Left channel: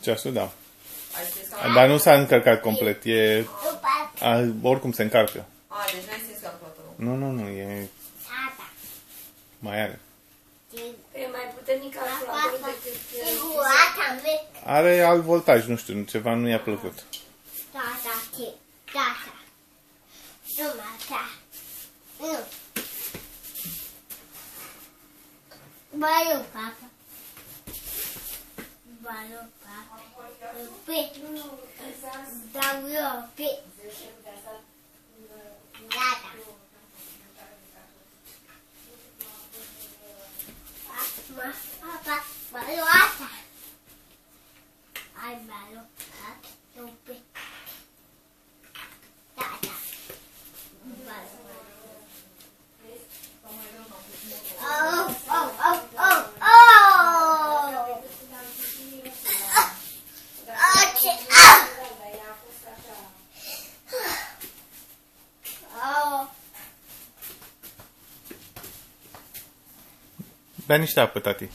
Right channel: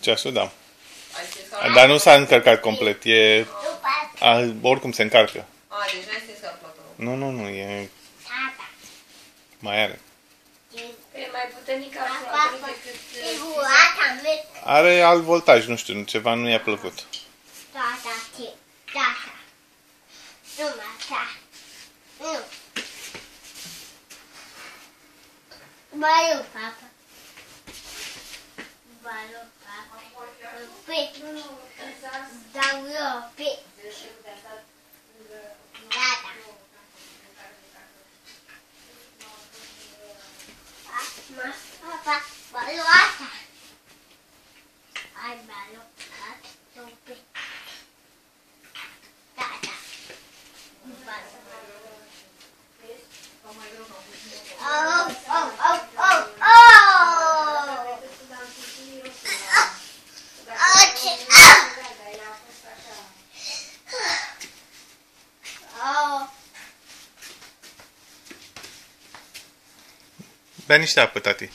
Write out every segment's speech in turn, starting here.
Ceasul, da. Dar nu s-a încărcat complet. Oricum se încarcă. Deci n-ai stins calculatorul. Nu, e... Mai are. E mai puternic calculatorul decât... Are alt voltaj, nu știu, ceva nu i-a plăcut. Valeu, papa. Bea niște apă, tati.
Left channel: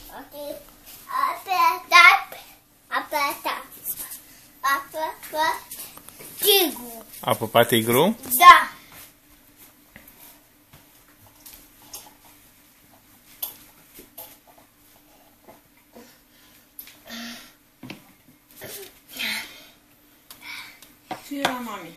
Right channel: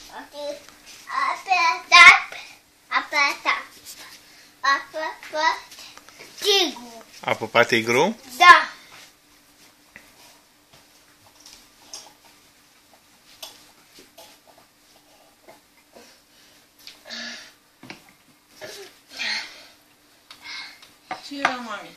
Apă patigru? Da. Ce era, mami?